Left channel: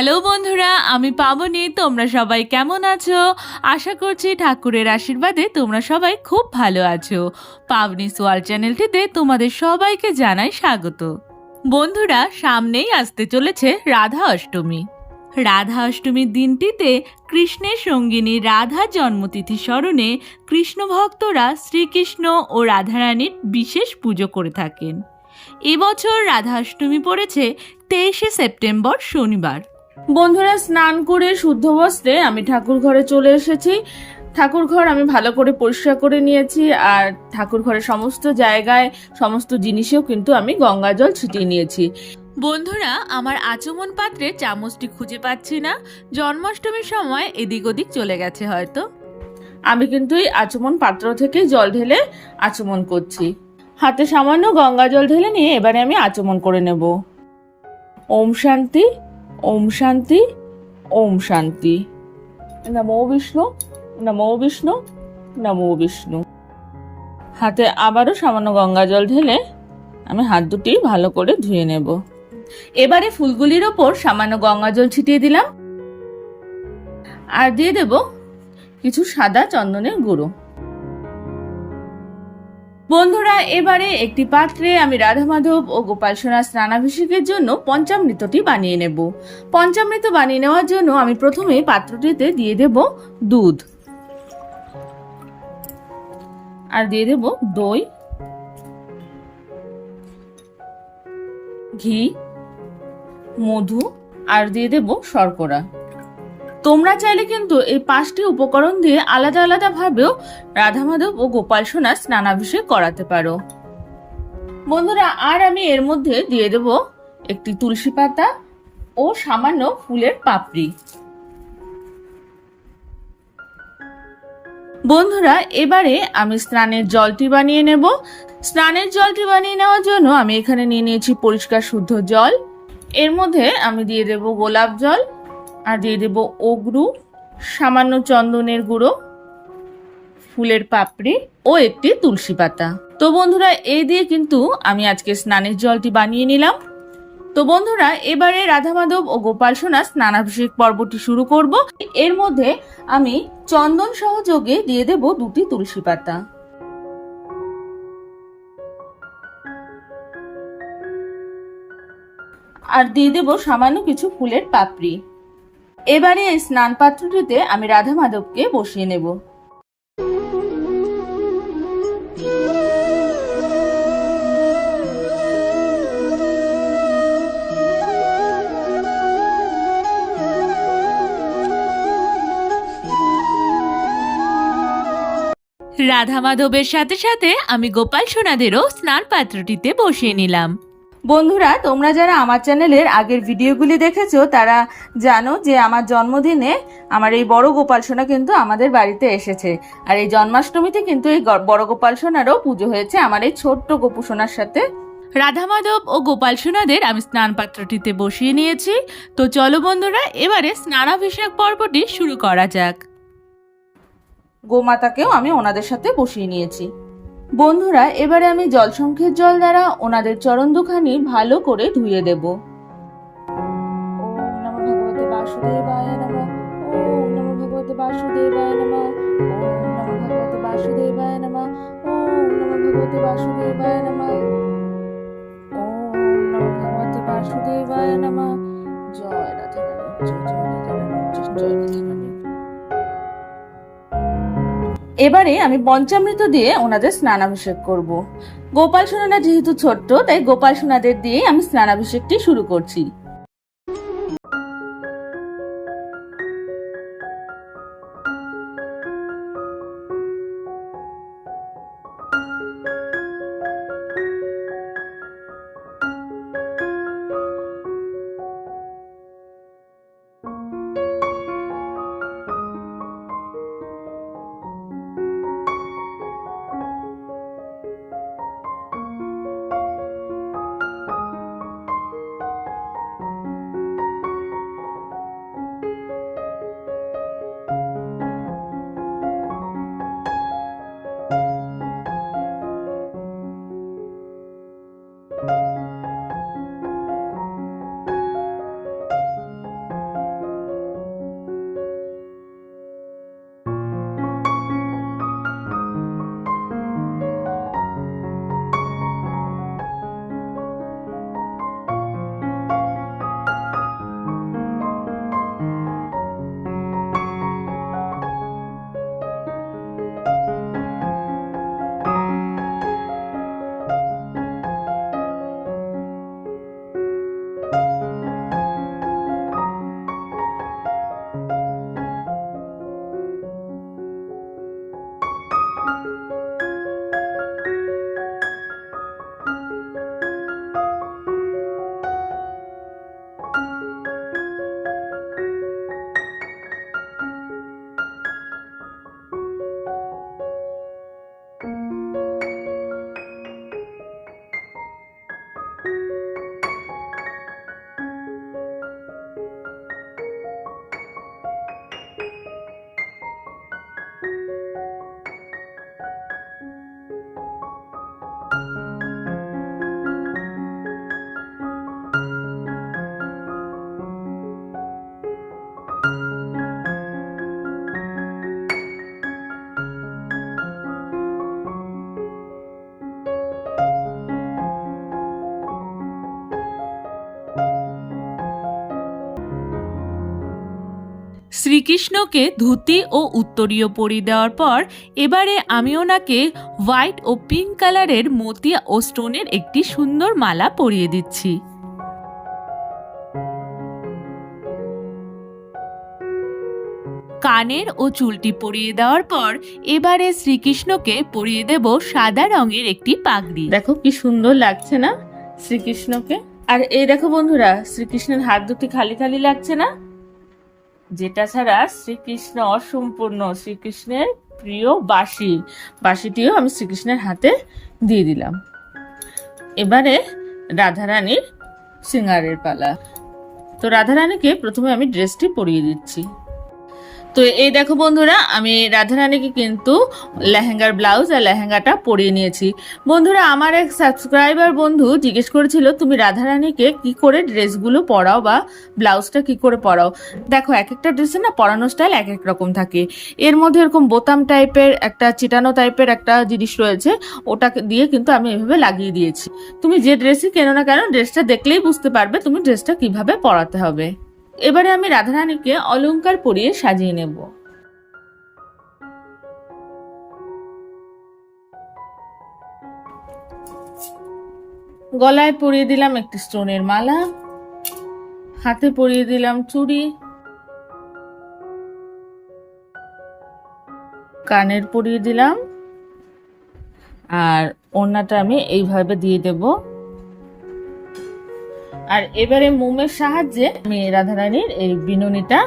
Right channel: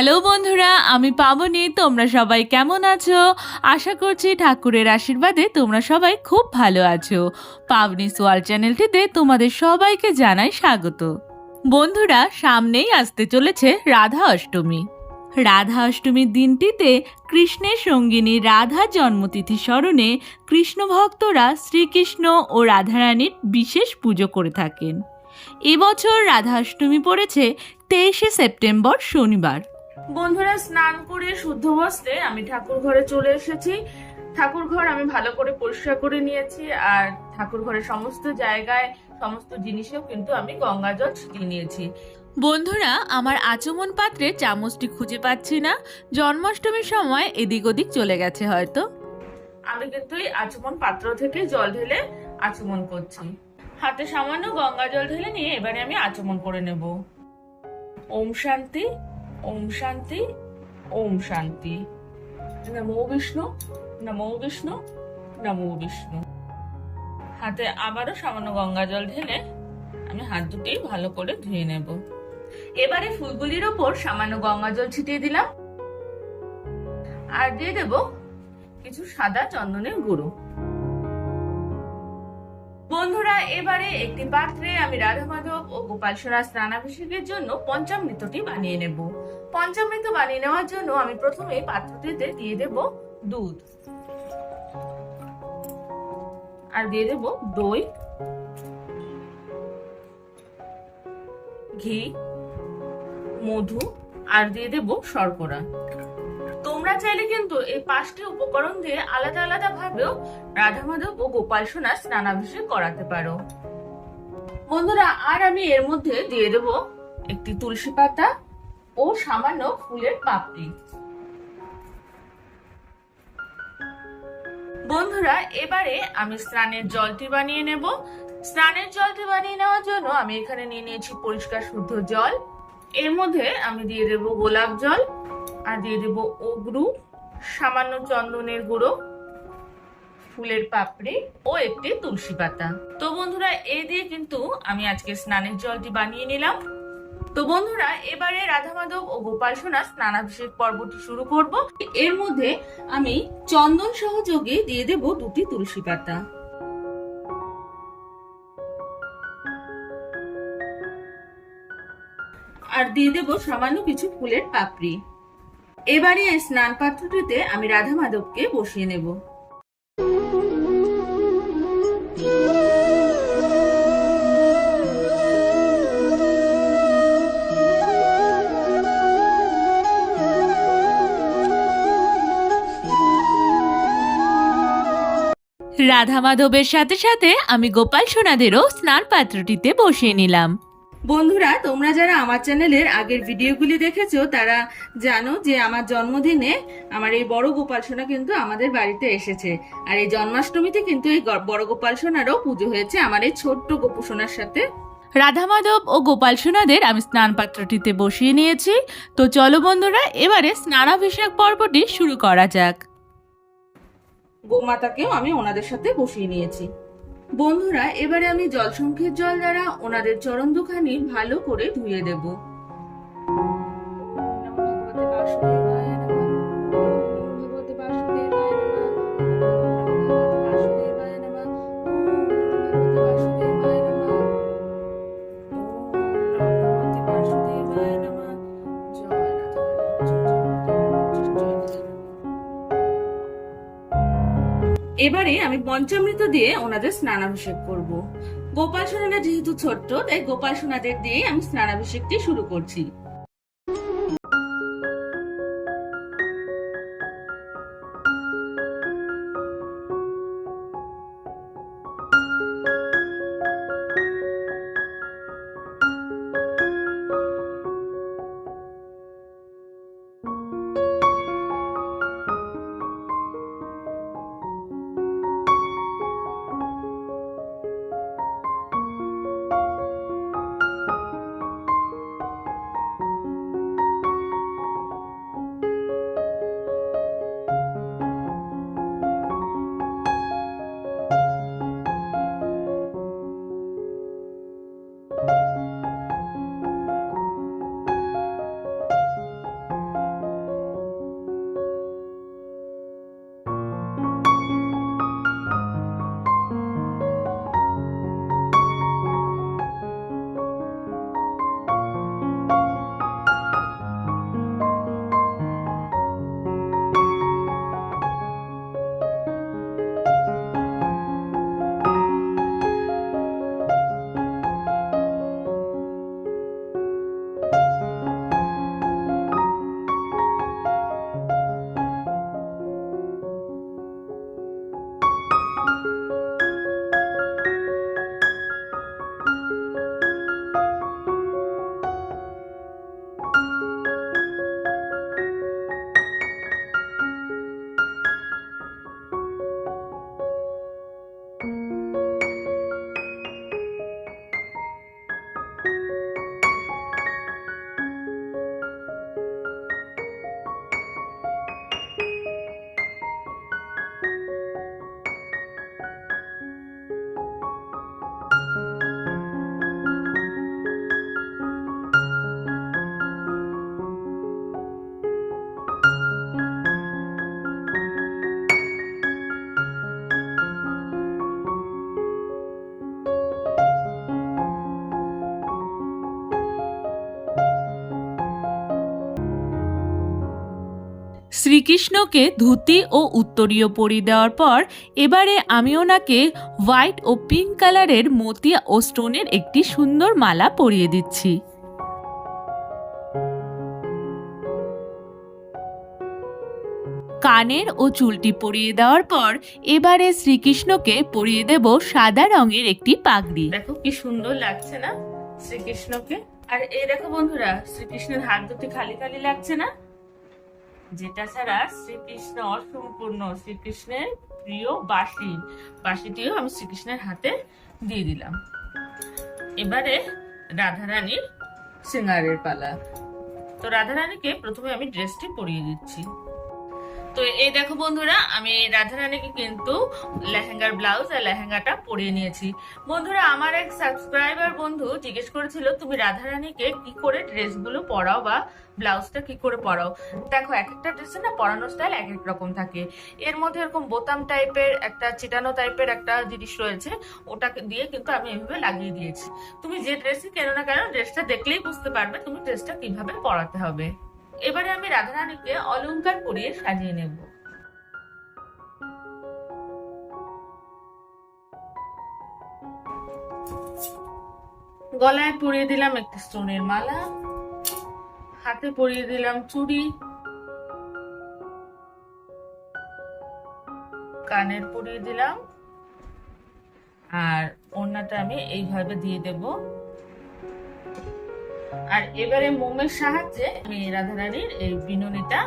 Hello বন্ধুরা, আমি পাবনি, তোমরা সবাই কেমন আছো? আশা করছি ঠাকুরের আশীর্বাদে তোমরা সবাই খুব ভালো আছো। পাবনি সোয়াল চ্যানেলটিতে তোমাদের সবাইকে জানাই স্বাগত। বন্ধুরা, সামনেই আসতে চলেছে রাধা অষ্টমী। রাধা অষ্টমীর দিনটিতে কৃষ্ণের সঙ্গিনী রাধা জন্মতিথি স্মরণে কৃষ্ণ ভক্তরা শ্রীকৃষ্ণ ও রাধারানীর বিশেষ পুজো করে থাকেন। এবছর রাধা অষ্টমী পড়েছে তেইশে সেপ্টেম্বর শনিবার। বন্ধুরা, স্নান করে শুদ্ধ বস্ত্রে আমি ঠাকুর ঘরে চলে এসেছি। ঠাকুর ঘর আমি ভালো করে পরিষ্কার করে নিয়েছি আর ঠাকুর ঘরের সমস্ত জায়গায় সমস্ত জিনিসেও কিন্তু আমি গঙ্গা জল ছিটিয়ে নিয়েছি। বন্ধুরা, আমার আচমন পাত্রে চামচটি খুঁজে পাচ্ছি না। জন্মাষ্টমীর সময় এদিক ওদিক চলে গেছে হয়তো। আমি কিন্তু এই আচমন পাত্র থেকে জল ঢেলে আচমন করছি। হাতে সামান্য গঙ্গা জল ঢেলে নিয়ে এবারে আমি আচমন করে নেব। ওম শান্তি ওম শান্তি ওম শান্তি। নমো বিষ্ণু নমো বিষ্ণু নমো বিষ্ণু। হাতে আবারও সামান্য গঙ্গা জল ঢেলে আমি হাত দুটি ভালো করে ধুয়ে নেব। এবারে ফুলগুলির ওপর সামান্য গঙ্গা জল ছিটিয়ে দিলাম। আর দিয়ে দেব কিছু সাদা চন্দনের গুঁড়ো। বন্ধুরা, এবারে একটি পাত্রে আমি রাধা মাধব ও গোপাল সোনার স্নানাভিষেকের জন্য পঞ্চামৃতটি বানিয়ে নেব। পঞ্চামৃত বানিয়ে নেওয়ার জন্য আমি প্রথমে পাত্রটিতে দিয়ে দেব দুধ। আর দিয়ে দেব দই, ঘি, মধু, আর দিয়ে দেব শর্করা। তোমরা চাইলে কিন্তু এই পাঁচটি উপকরণ দিয়ে আলাদা আলাদা ভাবেও রাধা মাধব ও গোপাল সোনার স্নানাভিষেক করাতে পারো। বন্ধুরা, আর আমি এর মধ্যে দিয়ে দেব একটি তুলসী পাতা ও সামান্য ফুলের পাপড়ি। বন্ধুরা, এবারে আমি স্নানের জলটি বানিয়ে নেব। স্নানের জলটি বানিয়ে নেওয়ার জন্য আমি এখানে নিয়ে নিয়েছি পরিষ্কার শুদ্ধ জল। এর মধ্যে আমি দিয়ে দেব গোলাপ জল। আর দিয়ে দেব অগরু, সামান্য চন্দনের গুঁড়ো, ফুলের পাপড়ি ও একটি তুলসী পাতা। তো বন্ধুরা এই দিয়ে কিন্তু আমি আজকে স্নানের জলটি বানিয়ে নিলাম। তো বন্ধুরা, এবারে রাধা মাধব ও গোপাল সোনা স্নানাভিষেক পর্বটি শুরু করব। এর মধ্যে আমি চন্দন সহযোগে দিয়ে দেব দুটি তুলসী পাতা। আর দিয়ে দেব সামান্য কিছু ফুলের পাপড়ি। এবারে এই স্নান পাত্রটিতে আমি রাধা মাধবকে বসিয়ে নেব। রাধা মাধবের সাথে সাথে আমি গোপাল সোনাদেরও স্নান পাত্রটিতে বসিয়ে নিলাম। বন্ধুরা, তোমরা যারা আমার চ্যানেলের আগের ভিডিওগুলি দেখেছ, তারা জানো যে আমার জন্মদিনে আমার এই বড় গোপাল সোনা কিন্তু আমাদের বাড়িতে এসেছে। আর এই জন্মাষ্টমীতে কিন্তু এই বড় গোপাল সোনারও পুজো হয়েছে আমার এই ছোট্ট গোপু সোনার সাথে। রাধা মাধব ও গোপাল সোনাদের আমি স্নান পাত্রটিতে বসিয়ে নিয়েছি। তো চলো বন্ধুরা, এবারে স্নানাভিষেক পর্বটি শুরু করা যাক। গোমাতাকেও আমি ওনাদের সাথে বসিয়ে নিয়েছি। বন্ধুরা, এবারে আমি জলসংখ্যের জল দ্বারা ওনাদের চরণ দুখানি ভালো করে ধুয়ে দেব। ওম নমঃ ভগবতে বাসুদেবায় নমঃ। ওম বাসুদেবায় এবারে আমি পঞ্চামৃত দিয়ে ওনাদের স্নানাভিষেক করব। গোপাল সোনারা যেহেতু ছোট্ট, তাই গোপাল সোনাদের দিয়েই আমি স্নানাভিষেকটি শুরু করছি। শ্রীকৃষ্ণকে ধুতি ও উত্তরীয় পরিয়ে দেওয়ার পর এবারে আমি ওনাকে হোয়াইট ও পিঙ্ক কালারের মতিয়া ও স্টোনের একটি সুন্দর মালা পরিয়ে দিচ্ছি। কানের ও চুলটি পরিয়ে দেওয়ার পর এবারে শ্রীকৃষ্ণকে পরিয়ে দেব সাদা রঙের একটি পাগড়ি। দেখো কি সুন্দর লাগছে না শ্রীকৃষ্ণকে? আর এই দেখো বন্ধুরা, শ্রীকৃষ্ণের হাত দুটি খালি খালি লাগছে না? যেটা ছাড়া শ্রীকৃষ্ণ অসম্পূর্ণ, শ্রীকৃষ্ণের প্রিয় বাঁশি। বাঁশিটিও আমি শ্রীকৃষ্ণের হাতে দিয়ে দিলাম। এবারে রাধারানীর সিঙ্গারের পালা। তো রাধারানীকে প্রথমে আমি ড্রেসটি পরিয়ে দিচ্ছি। তো এই দেখো বন্ধুরা, আমি রাধারানীকে কিন্তু লেহেঙ্গার ব্লাউজ আর লেহেঙ্গাটা পরিয়ে নিয়েছি। বন্ধুরা, আমার এক সাবস্ক্রাইবার বন্ধু জিজ্ঞেস করেছিল, তুমি রাধারানীকে কি করে ড্রেসগুলো পরাও বা ব্লাউজটা কি করে পরাও? দেখো, এক একটা ড্রেসে না পরানো স্টাইল এক এক রকম থাকে। এর মধ্যে এরকম বোতাম টাইপের একটা, চিটানো টাইপের একটা জিনিস রয়েছে ওটা দিয়ে কিন্তু আমি এভাবে লাগিয়ে দিয়েছি। তুমি যে ড্রেসই কেনো না কেন, ড্রেসটা দেখলেই বুঝতে পারবে তুমি ড্রেসটা কীভাবে পরাতে হবে। এবারে আমি রাধারানীকে অলঙ্কার পরিয়ে সাজিয়ে নেব। গলায় পরিয়ে দিলাম একটি স্টোনের মালা, হাতে পরিয়ে দিলাম চুড়ি, কানের পরিয়ে দিলাম, আর ওড়নাটা আমি এইভাবে দিয়ে দেব। আর এবারে মোমের সাহায্যে আমি রাধারানীর এই বিনুনিটা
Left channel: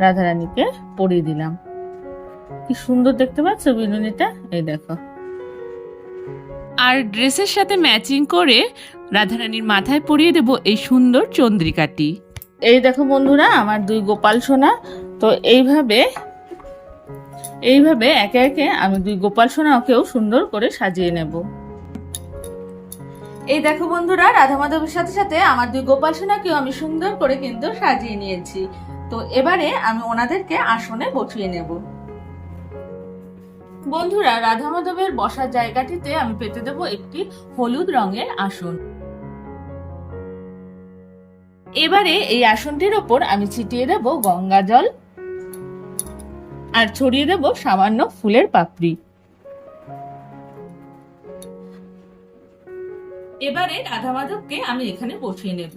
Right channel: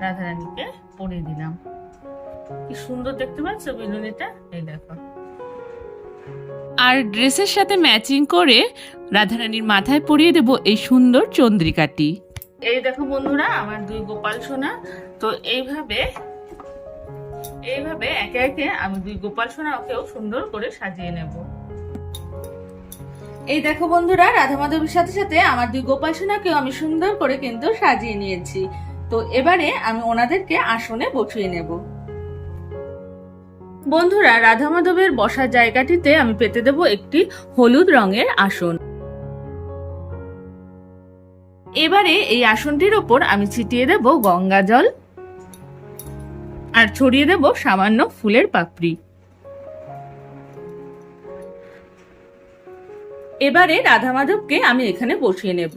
রাধারানীকে পরিয়ে দিলাম। কি সুন্দর দেখতে পাচ্ছ বিনুনিটা? এই দেখো। আর ড্রেসের সাথে ম্যাচিং করে রাধারানীর মাথায় পরিয়ে দেব এই সুন্দর চন্দ্রিকাটি। এই দেখো বন্ধুরা, আমার দুই গোপাল সোনা। তো এইভাবে এইভাবে একে একে আমি দুই গোপাল সোনাকেও সুন্দর করে সাজিয়ে নেব। এই দেখো বন্ধুরা, রাধা মাধবের সাথে সাথে আমার দুই গোপাল সোনাকেও আমি সুন্দর করে কিন্তু সাজিয়ে নিয়েছি। তো এবারে আমি ওনাদেরকে আসনে বসিয়ে নেব। বন্ধুরা, রাধা মাধবের বসার জায়গাটিতে আমি পেতে দেব একটি হলুদ রঙের আসন। এবারে এই আসনটির ওপর আমি ছিটিয়ে দেব গঙ্গা জল আর ছড়িয়ে দেব সামান্য ফুলের পাপড়ি। এবারে রাধা মাধবকে আমি এখানে বসিয়ে নেব।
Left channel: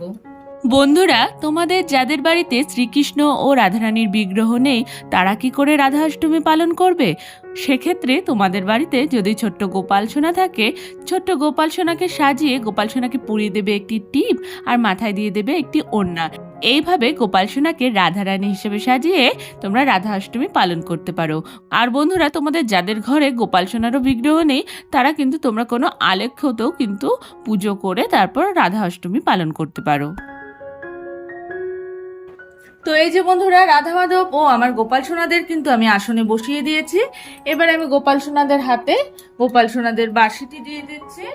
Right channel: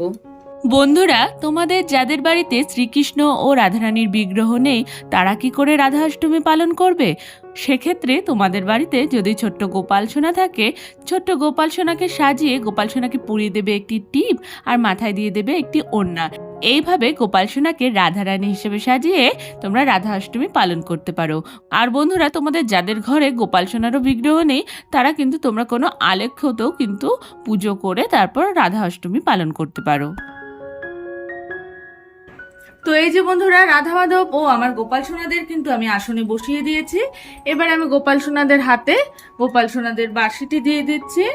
বন্ধুরা, তোমাদের যাদের বাড়িতে শ্রীকৃষ্ণ ও রাধারানীর বিগ্রহ নেই, তারা কি করে রাধা অষ্টমী পালন করবে? সেক্ষেত্রে তোমাদের বাড়িতে যদি ছোট্ট গোপাল সোনা থাকে, ছোট্ট গোপাল সোনাকে সাজিয়ে গোপাল সোনাকে পুড়িয়ে দেবে একটি টিপ আর মাথায় দিয়ে দেবে একটি ওড়না। এইভাবে গোপাল সোনাকে রাধারানী হিসেবে সাজিয়ে তোমরা রাধা অষ্টমী পালন করতে পারো। আর বন্ধুরা, তোমাদের যাদের ঘরে গোপাল সোনারও বিগ্রহ নেই, তারা কিন্তু তোমরা কোনো আলেখ্যতেও কিন্তু পুজো করে তারপর রাধা অষ্টমী পালন করতে পারো। তো এই যে বন্ধুরা রাধা মাধব ও আমার গোপাল সোনাদের কিন্তু আমি আসনে বসিয়ে দিয়েছি। এবার আমি গোপাল সোনাদের হাতে গোপাল সোনাদের বাঁশিটি দিয়ে দিচ্ছি।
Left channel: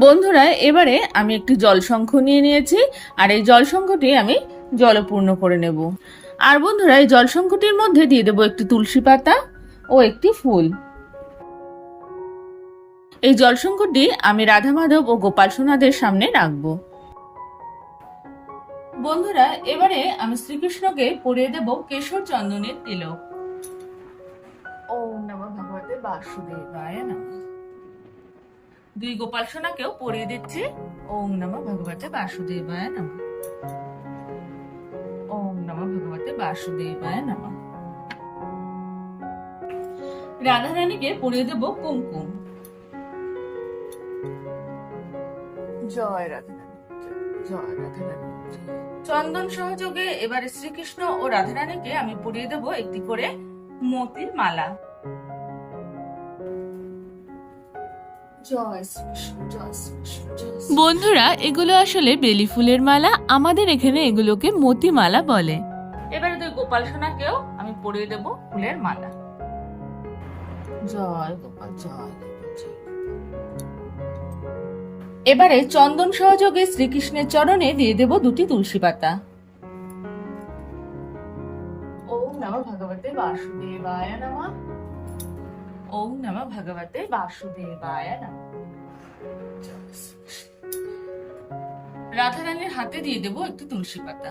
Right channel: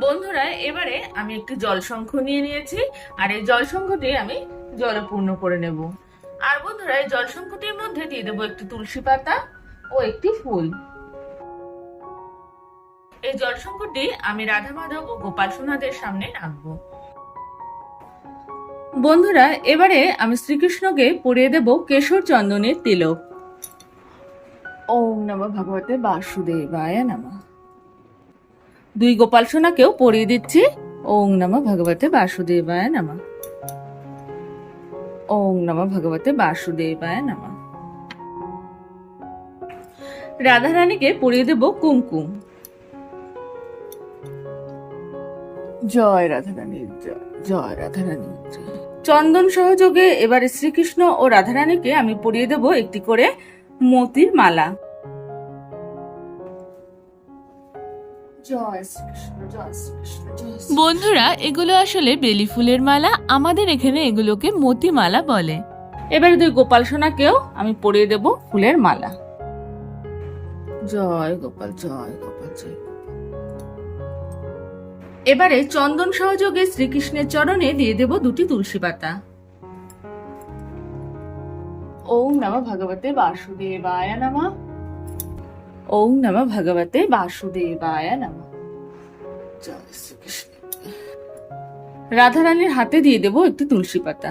বন্ধুরা, এবারে আমি একটি জলশঙ্খ নিয়ে নিয়েছি, আর এই জলশঙ্খটি আমি জলপূর্ণ করে নেব। আর বন্ধুরা, এই জলশঙ্খটির মধ্যে দিয়ে দেবো একটি তুলসী পাতা ও একটি ফুল। এই জলশঙ্করটি আমি রাধা মাধব ও গোপাল সোনাদের সামনে রাখব। বন্ধুরা, এবারে আমি শ্রীকৃষ্ণকে পরিয়ে দেব কেশর চন্দনের তিলক। ওম নম ভগবতে বাসুদেবায় নম। দুই গোপাল সোনাকেও পরিয়ে দিচ্ছি। ওম নম ভগবতে বাসুদেবায় নম। ওম নমঃ ভগবতে বাসুদেবায় রাধা রানীকে পরিয়ে দেব কুমকুম। জয় রাধারানী জয় জয় রাধারানী। জয়। চন্দন সহযোগে এবারে শ্রীকৃষ্ণ ও রাধারানীকে আমি পরিয়ে দেব একটি করে মতির মালা। বন্ধুরা, এগুলো আসলে বেলি ফুলের মালা। আমাদের এখানে এগুলোকে মতি মালা বলে। এবারে দুই গোপাল সোনাকেও আমি পরিয়ে দেব ফুলের মালা। জয় গোপাল জয় গোপাল, জয় এবারে চন্দন সহযোগে শ্রীকৃষ্ণের চরণে দিয়ে দেব দুটি তুলসী পাতা। ওম নম ভগবতে বাসুদেবায় নম। ওম নম ভগবতে বাসুদেবায় নম। রাধারানীর হাতে দিয়ে দেব একটু তুলসী পাতা।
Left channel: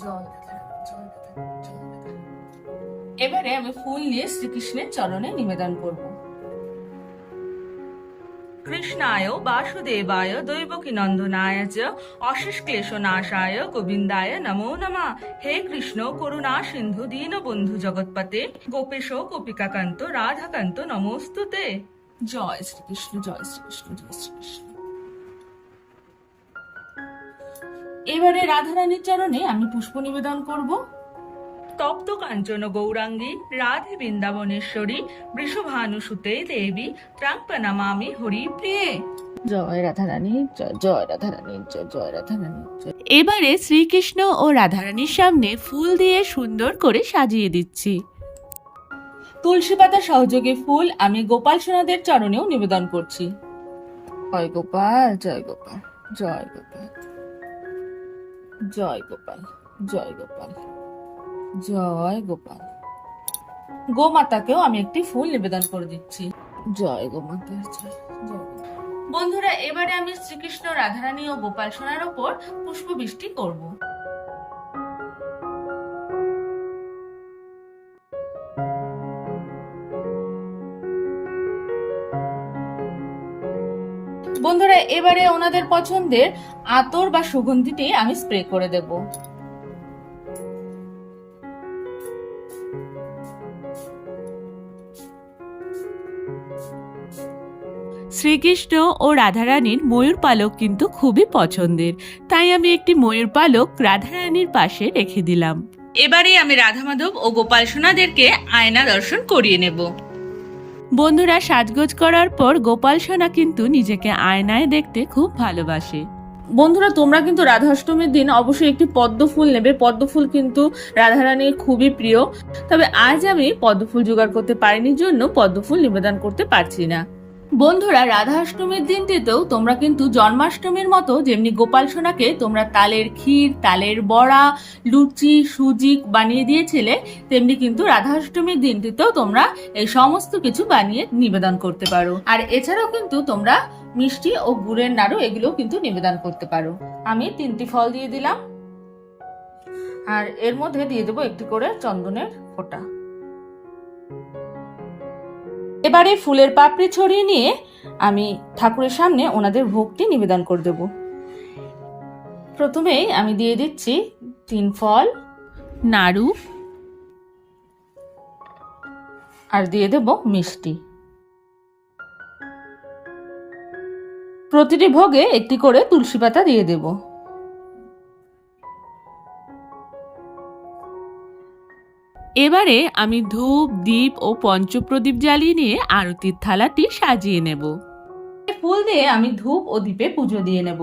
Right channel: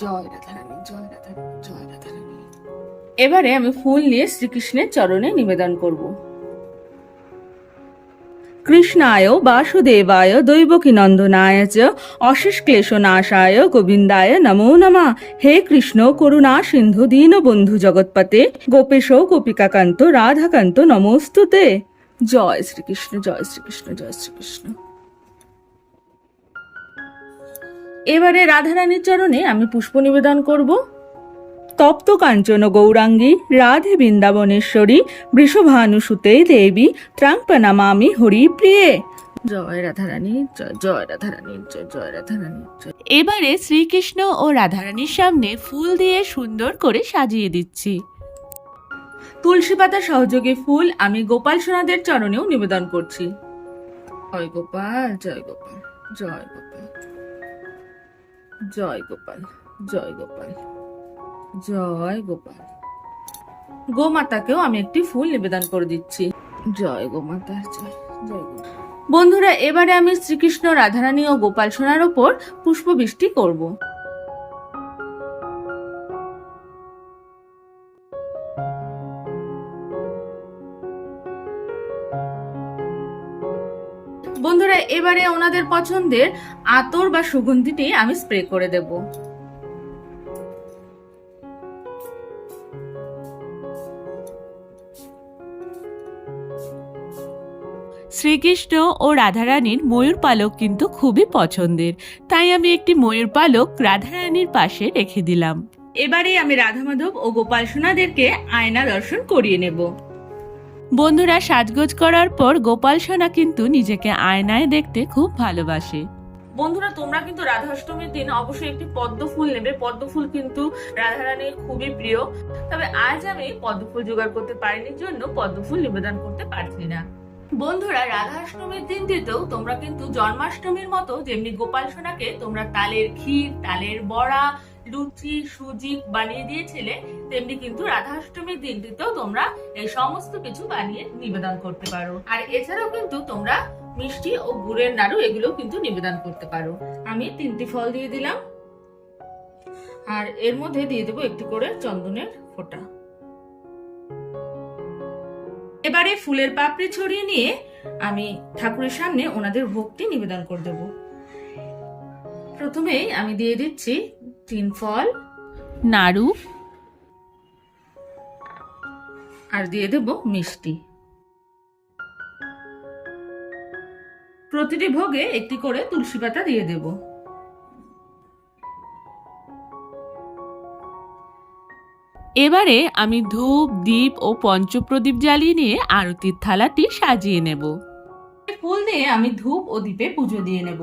জয় রাধারানী জয় রাধারানী জয় রাধারানী। এবারে আমি ফুল নিয়ে শ্রীকৃষ্ণের চরণে নিবেদন করব। কৃষ্ণায় বাসুদেবায় দৈবকী নন্দনায় চ অশেষ ক্লেশ নাশায় গোবিন্দায় নমো নমা। হে কৃষ্ণ, করুণা, সিন্ধু দীনবন্ধু জগৎপতে। গোপেশ, গোপিকাকান্ত, রাধাকান্ত, নমস্তুতে। জয় শ্রীকৃষ্ণ জয় শ্রীকৃষ্ণ জয় শ্রীকৃষ্ণ। এবারে রাধারানীর চরণে আমি পুষ্প নিবেদন করব। তপ্ত কাঞ্চন গৌরাঙ্গী রাধে বৃন্দাবনেশ্বরী বৃষভানুসুতে দেবী ত্রাংপনামামি হরি প্রিয়ে জয় রাধারানী জয় জয় রাধারানী জয় জয় রাধারানী এবারে শ্রীকৃষ্ণ ও রাধারানীর সামনে ফুল দিয়ে সুন্দর করে সাজিয়ে দিচ্ছি। তুলসী পাতা সহযোগে ফুল আমি গোপাল সোনাদের চরণেও নিবেদন করছি। জয় গোপাল জয় গোপাল জয় গোপাল জয় গোপাল জয় গোপাল। জয় গোপাল। গোমাতাকেও আমি একটি ফুল নিবেদন করে দিচ্ছি। জয় জয় জয় বন্ধুরা, এবারে আমি শ্রীকৃষ্ণ, রাধারানী ও গোপাল সোনার ওপর পুষ্পবৃষ্টি করব। বন্ধুরা, এবারে ওনাদের পছন্দের আতর বা সুগন্ধিটি আমি স্প্রে করে দেব। শ্রীকৃষ্ণ ও রাধারানীর ময়ূর পালক কিন্তু খুবই পছন্দের। তাই আমি একটি ময়ূর পালক রাধারানীর পাশে রেখে দিলাম। এবারে আমি রাধা মাধব ও গোপাল সোনাদেরকে আয়না দর্শন করিয়ে নেব। বন্ধুরা, সাজগোজ করার পর গোপাল সোনা কিন্তু নিজেকে আয়নায় দেখতে খুব ভালোবাসে। বন্ধুরা, তোমরা কিন্তু রাধাষ্টমীর দিন অবশ্যই একটি পদ্ম ফুল নেবে। পদ্ম ফুল কিন্তু রাধারানীর খুবই প্রিয়। তবে আজ আমি পদ্ম ফুল জোগাড় করতে পারিনি জন্য পদ্ম ফুল নিবেদন করতে পারছি না। বন্ধুরা, রাধাষ্টমীর দিনটিতেও তোমরা কিন্তু জন্মাষ্টমীর মতো যেমনি গোপাল সোনাকে তোমরা তালের ক্ষীর, তালের বড়া, লুচি, সুজি বানিয়ে দিয়েছিলে, তেমনি কিন্তু রাধাষ্টমীর দিনটিতেও তোমরা এই সমস্ত কিছু বানিয়ে নিবেদন করতে পারো। আর এছাড়াও কিন্তু তোমরা মিষ্টি ও গুড়ের নাড়ু এগুলো কিন্তু নিবেদন করতে পারো। আমি তিনটি ফল দিয়ে দিলাম। আর এর মধ্যে দিয়ে দেবো একটি করে চন্দনের ফোঁটা। এবারে ফুলের পাপড়ি ছড়িয়ে নিয়ে আমি ঠাকুরের সামনে ওনাদের ভোগটি নিবেদন করে দেব। প্রথমেই আমি দিয়ে দিচ্ছি তিন ফল, নাড়ু, আর দিয়ে দেব মিষ্টি। প্রতিটি ভোগে একটি করে তুলসী পাতা দিয়ে দেব। এবারে আমি ধূপ দ্বীপ ও পঞ্চপ্রদীপ জ্বালিয়ে নিয়ে আরতির থালাটি সাজিয়ে নেব। ফুল দিয়ে আমি ধূপ ও দীপে পুজো দিয়ে নেব।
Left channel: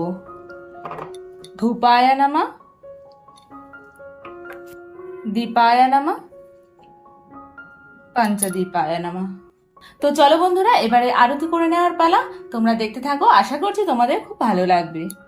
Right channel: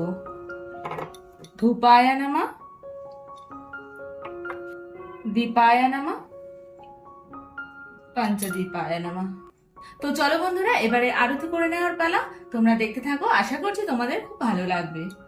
ধূপায়া নামা দীপায় নামা পঞ্চদীপায় নামা তো চলো বন্ধুরা, এবারে আরতি করে নেওয়ার পালা। তোমরা দেখতে থাকো, আশা করছি তোমাদের খুব ভালো লাগবে।